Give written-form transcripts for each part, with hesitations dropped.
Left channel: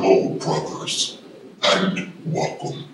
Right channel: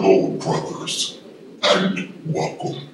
Hello, brothers, and welcome.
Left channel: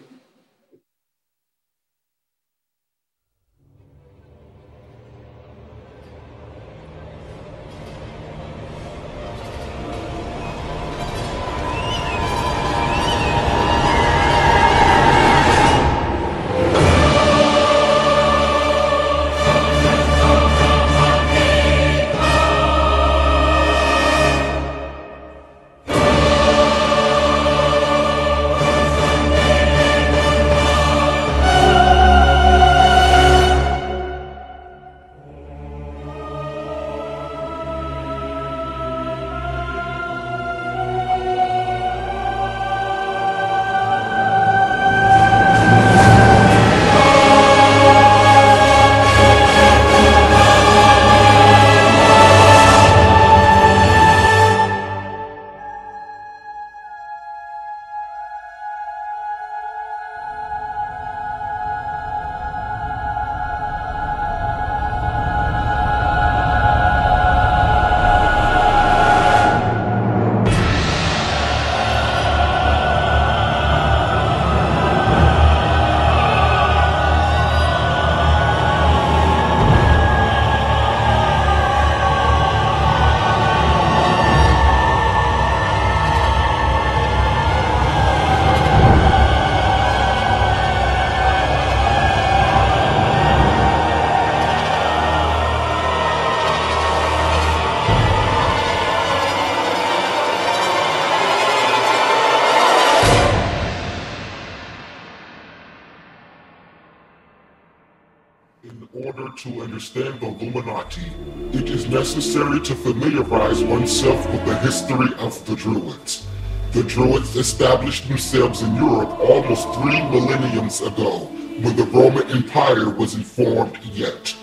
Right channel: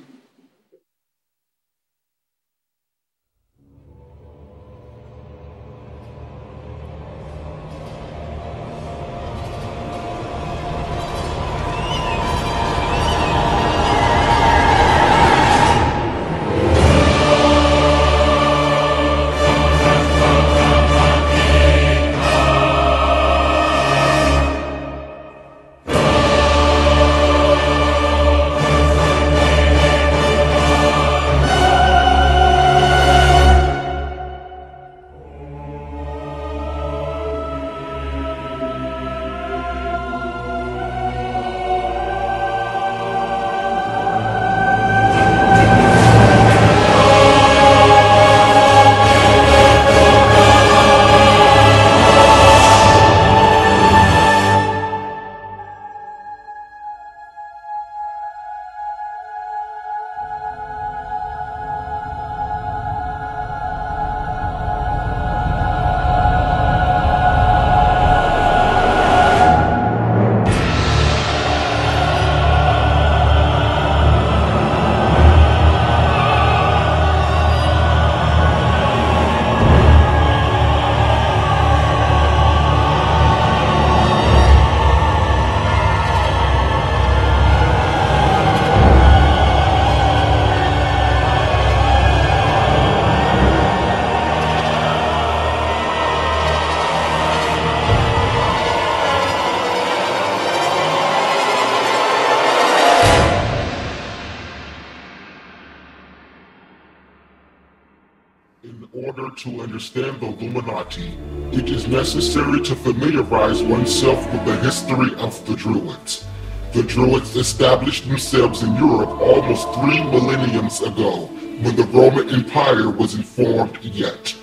In order to understand the Illuminati, it is necessary to familiarize oneself with the history of the Druids. The Druids established themselves in Europe almost 3 millenniums ago, when the Roman Empire wasn't formed yet.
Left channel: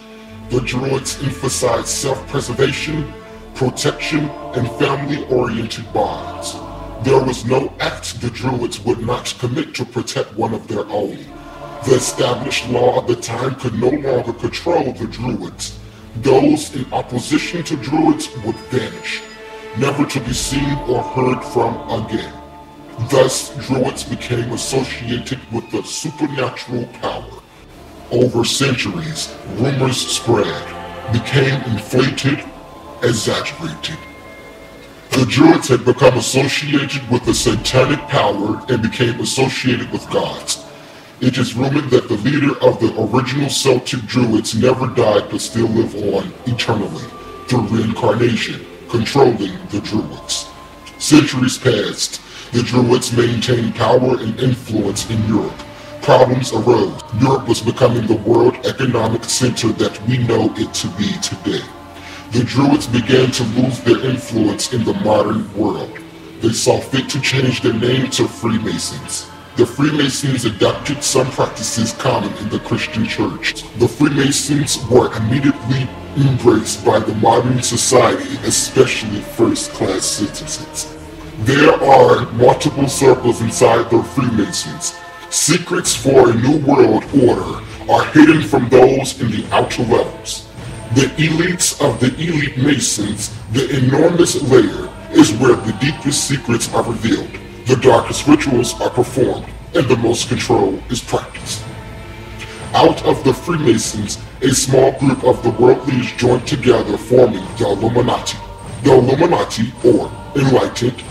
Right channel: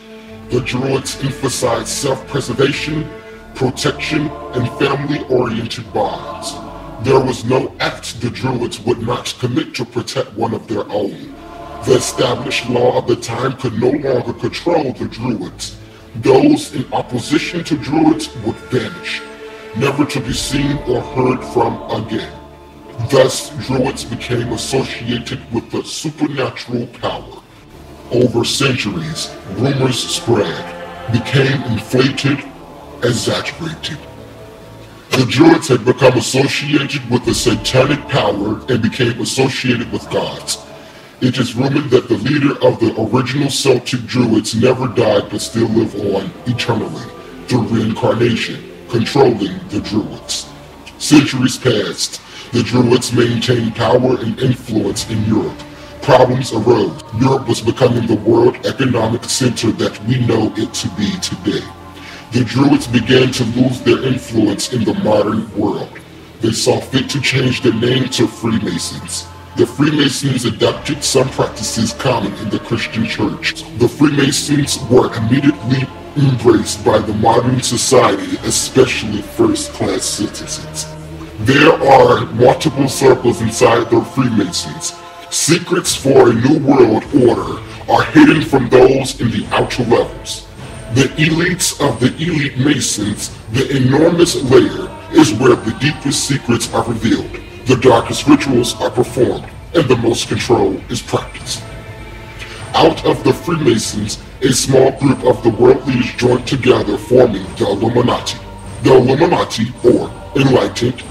The Druids emphasized self-preservation, protection, and family-oriented bonds. There was no act the Druids would not commit to protect one of their own. The established law of the time could no longer control the Druids. Those in opposition to Druids would vanish, never to be seen or heard from again. Thus, Druids became associated with the supernatural power. Over centuries, rumors spread, became inflated, exaggerated. The Druids had become associated with the satanic power and became associated with gods. It is rumored that the leader of the original Celtic Druids never died but still live on eternally through reincarnation, controlling the Druids. Centuries passed. The Druids maintained power and influence in Europe. Problems arose. Europe was becoming the world economic center that we know it to be today. The Druids began to lose their influence in the modern world. They saw fit to change their name to Freemasons. The Freemasons adopted some practices common in the Christian church. The Freemasons were immediately embraced by the modern society, especially first-class citizens. There are multiple circles inside the Freemasons. Secrets for a new world order are hidden from those in the outer levels. The elites of the elite Masons, the enormous layer, is where the deepest secrets are revealed. The darkest rituals are performed, and the most control is practiced. Out of the Freemasons, a small group of the world leaders joined together, forming the Illuminati. The Illuminati, or Enlightened,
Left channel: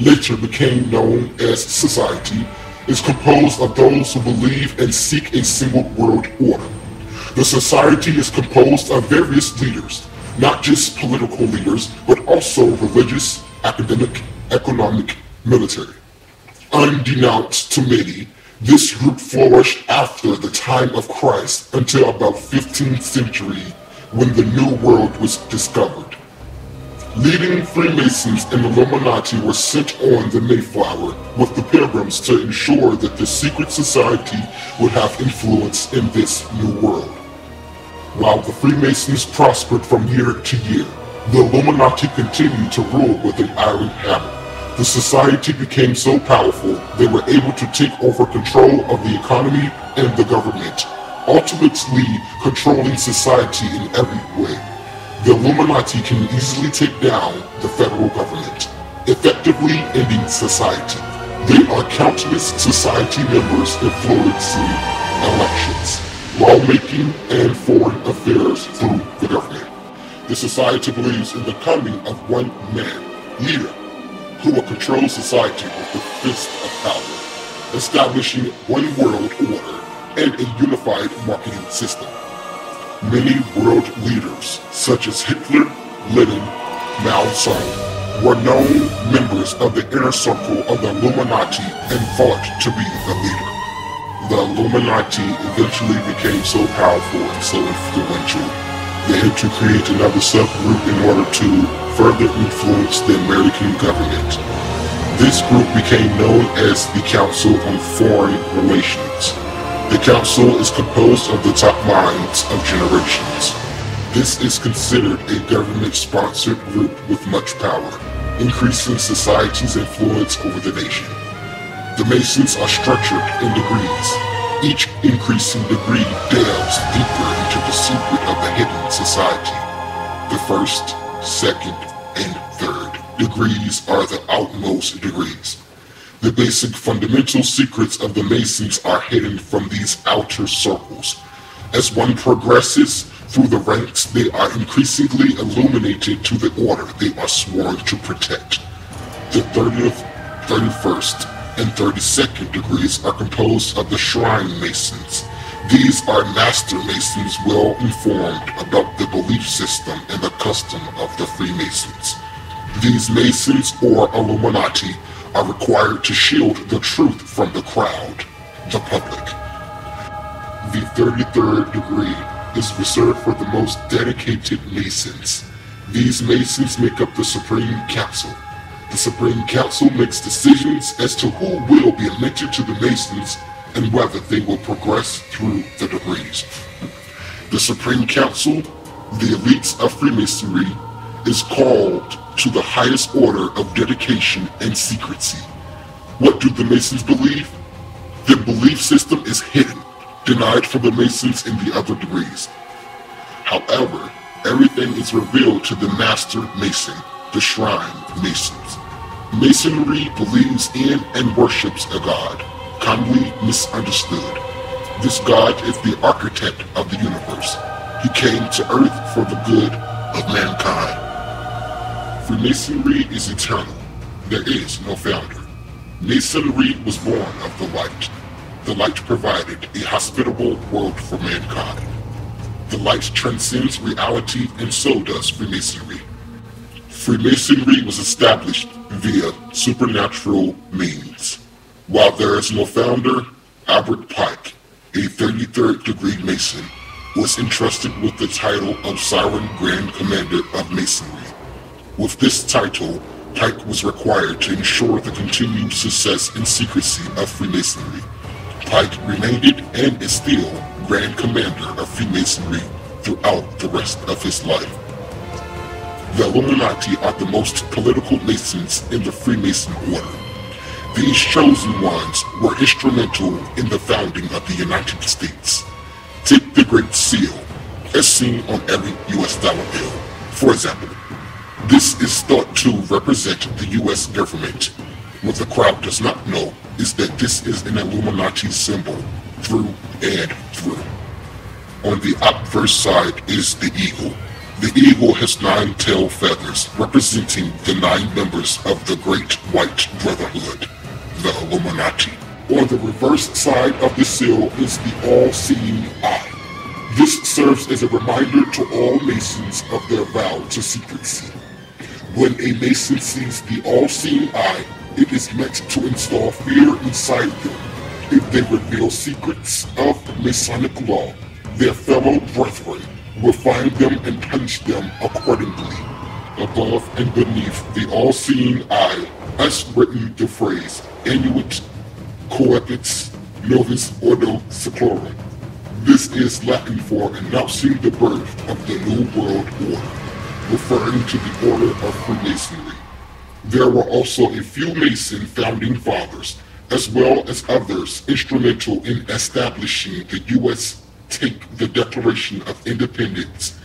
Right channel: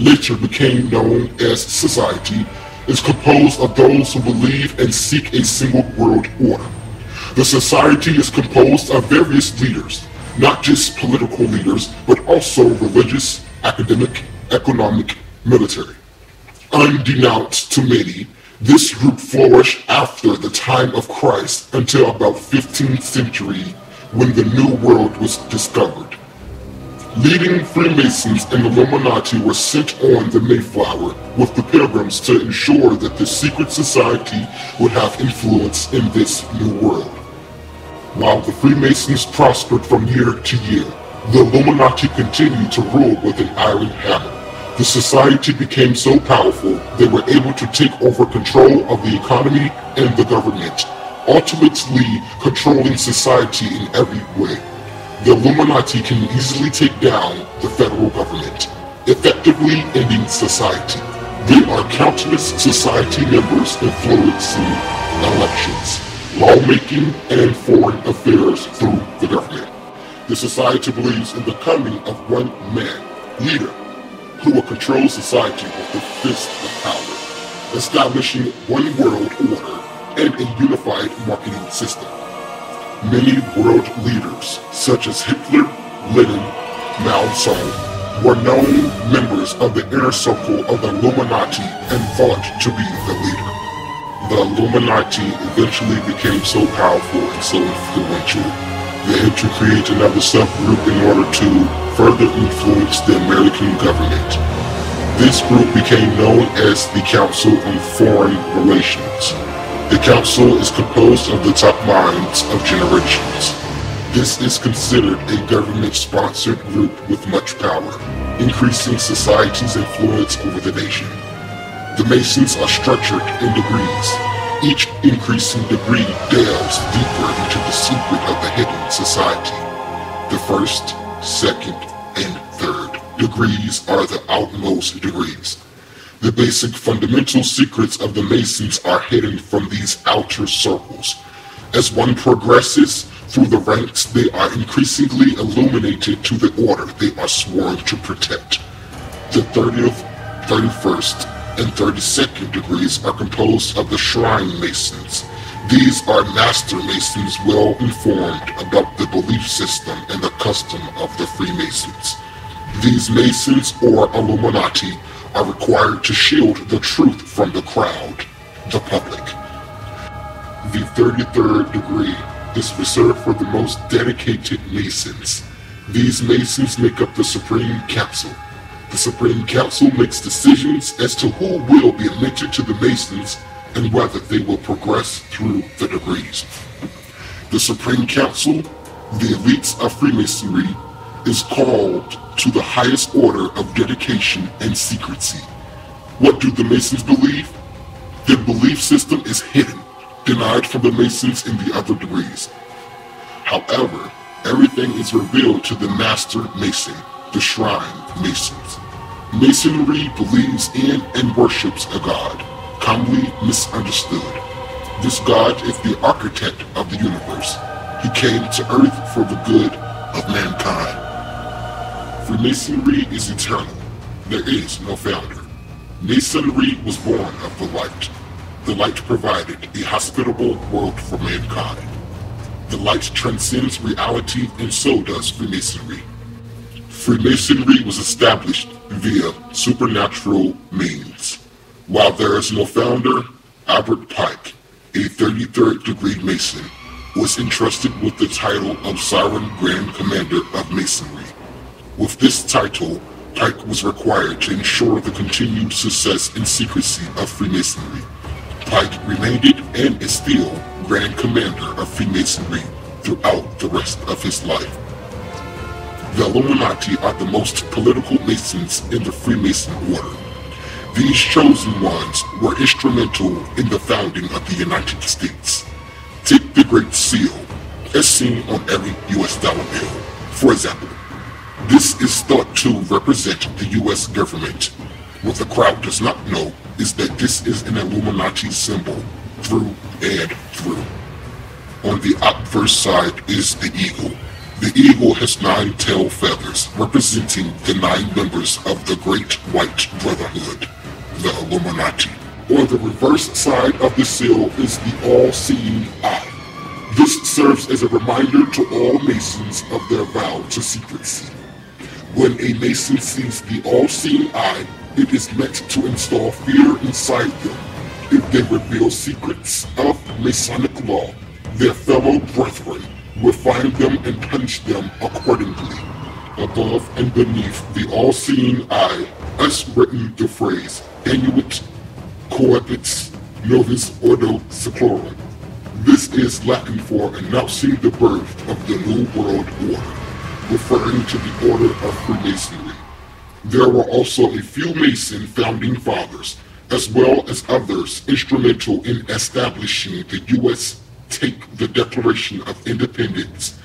later became known as Society, is composed of those who believe and seek a single world order. The Society is composed of various leaders, not just political leaders, but also religious, academic, economic, military. Unbeknownst to many, this group flourished after the time of Christ until about 15th century, when the New World was discovered. Leading Freemasons and Illuminati were sent on the Mayflower with the Pilgrims to ensure that the secret society would have influence in this new world. While the Freemasons prospered from year to year, the Illuminati continued to rule with an iron hammer. The society became so powerful they were able to take over control of the economy and the government, ultimately controlling society in every way. The Illuminati can easily take down the federal government. effectively ending society. There are countless society members influencing elections, lawmaking, and foreign affairs through the government. The society believes in the coming of one man, leader, who will control society with the fist of power, establishing one world order and a unified marketing system. Many world leaders, such as Hitler, Lenin, Mao Zedong, were known members of the inner circle of the Illuminati and thought to be the leader. The Illuminati eventually became so powerful and so influential, they had to create another subgroup in order to further influence the American government. This group became known as the Council on Foreign Relations. The council is composed of the top minds of generations. This is considered a government-sponsored group with much power, increasing society's influence over the nation. The Masons are structured in degrees. Each increasing degree delves deeper into the secret of the hidden society. The first, second, and third degrees are the outmost degrees. The basic fundamental secrets of the Masons are hidden from these outer circles. As one progresses through the ranks, they are increasingly illuminated to the order they are sworn to protect. The 30th, 31st, and 32nd degrees are composed of the Shrine Masons. These are Master Masons well informed about the belief system and the custom of the Freemasons. These Masons, or Illuminati, are required to shield the truth from the crowd, the public. The 33rd degree is reserved for the most dedicated Masons. These Masons make up the Supreme Council. The Supreme Council makes decisions as to who will be admitted to the Masons and whether they will progress through the degrees. The Supreme Council, the elites of Freemasonry, is called to the highest order of dedication and secrecy. What do the Masons believe? Their belief system is hidden, denied from the Masons in the other degrees. However, everything is revealed to the Master Mason, the Shrine Masons. Masonry believes in and worships a god, commonly misunderstood. This god is the architect of the universe. He came to earth for the good of mankind. Freemasonry is eternal. There is no founder. Masonry was born of the light. The light provided a hospitable world for mankind. The light transcends reality, and so does Freemasonry. Freemasonry was established via supernatural means. While there is no founder, Albert Pike, a 33rd degree Mason, was entrusted with the title of Siren Grand Commander of Masonry. With this title, Pike was required to ensure the continued success and secrecy of Freemasonry. Pike remained and is still Grand Commander of Freemasonry throughout the rest of his life. The Illuminati are the most political Masons in the Freemason order. These chosen ones were instrumental in the founding of the United States. Take the Great Seal, as seen on every US dollar bill, for example. This is thought to represent the US government. What the crowd does not know is that this is an Illuminati symbol through and through. On the obverse side is the eagle. The eagle has 9 tail feathers, representing the 9 members of the Great White Brotherhood, the Illuminati. On the reverse side of the seal is the all-seeing eye. This serves as a reminder to all Masons of their vow to secrecy. When a Mason sees the all-seeing eye, it is meant to install fear inside them. If they reveal secrets of Masonic law, their fellow brethren will find them and punish them accordingly. Above and beneath the all-seeing eye is written the phrase Annuit Coepit Novus Ordo Seclorum. This is Latin for announcing the birth of the New World Order, referring to the order of Freemasonry. There were also a few Mason founding fathers, as well as others instrumental in establishing the U.S. Take the Declaration of Independence.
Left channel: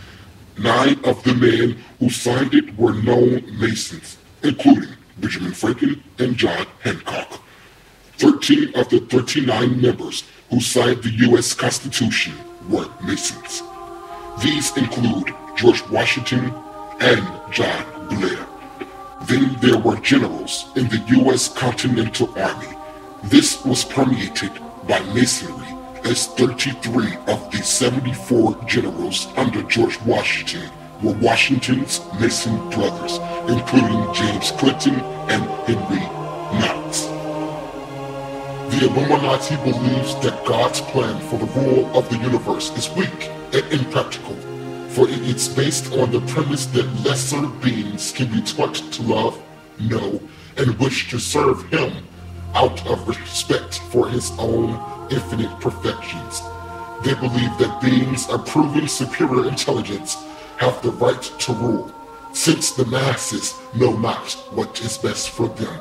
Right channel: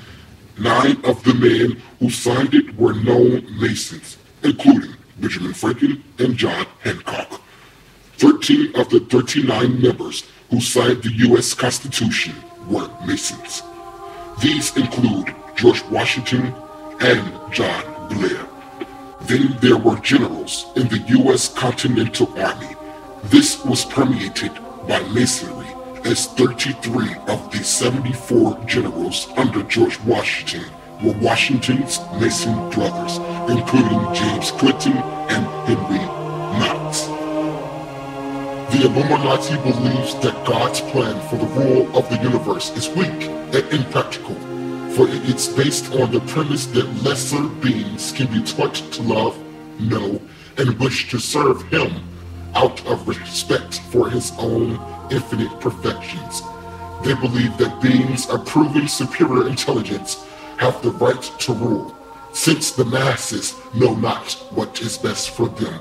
9 of the men who signed it were known Masons, including Benjamin Franklin, and John Hancock. 13 of the 39 members who signed the U.S. Constitution were Masons. These include George Washington and John Blair. Then there were generals in the U.S. Continental Army. This was permeated by Masonry, as 33 of the 74 generals under George Washington were Washington's Mason brothers, including James Clinton and Henry Knox. The Illuminati believes that God's plan for the rule of the universe is weak and impractical, for it's based on the premise that lesser beings can be taught to love, know, and wish to serve him out of respect for his own infinite perfections. They believe that beings approving superior intelligence have the right to rule, since the masses know not what is best for them.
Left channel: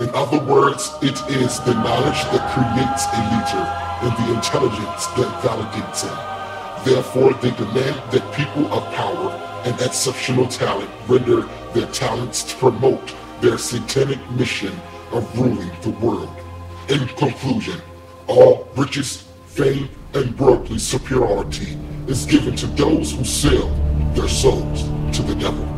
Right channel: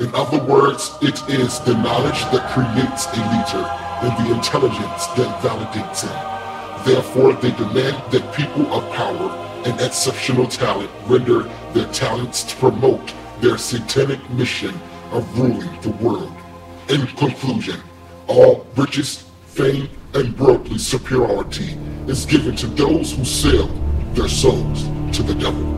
In other words, it is the knowledge that creates a leader and the intelligence that validates him. Therefore, they demand that people of power and exceptional talent render their talents to promote their satanic mission of ruling the world. In conclusion, all riches, fame, and worldly superiority is given to those who sell their souls to the devil.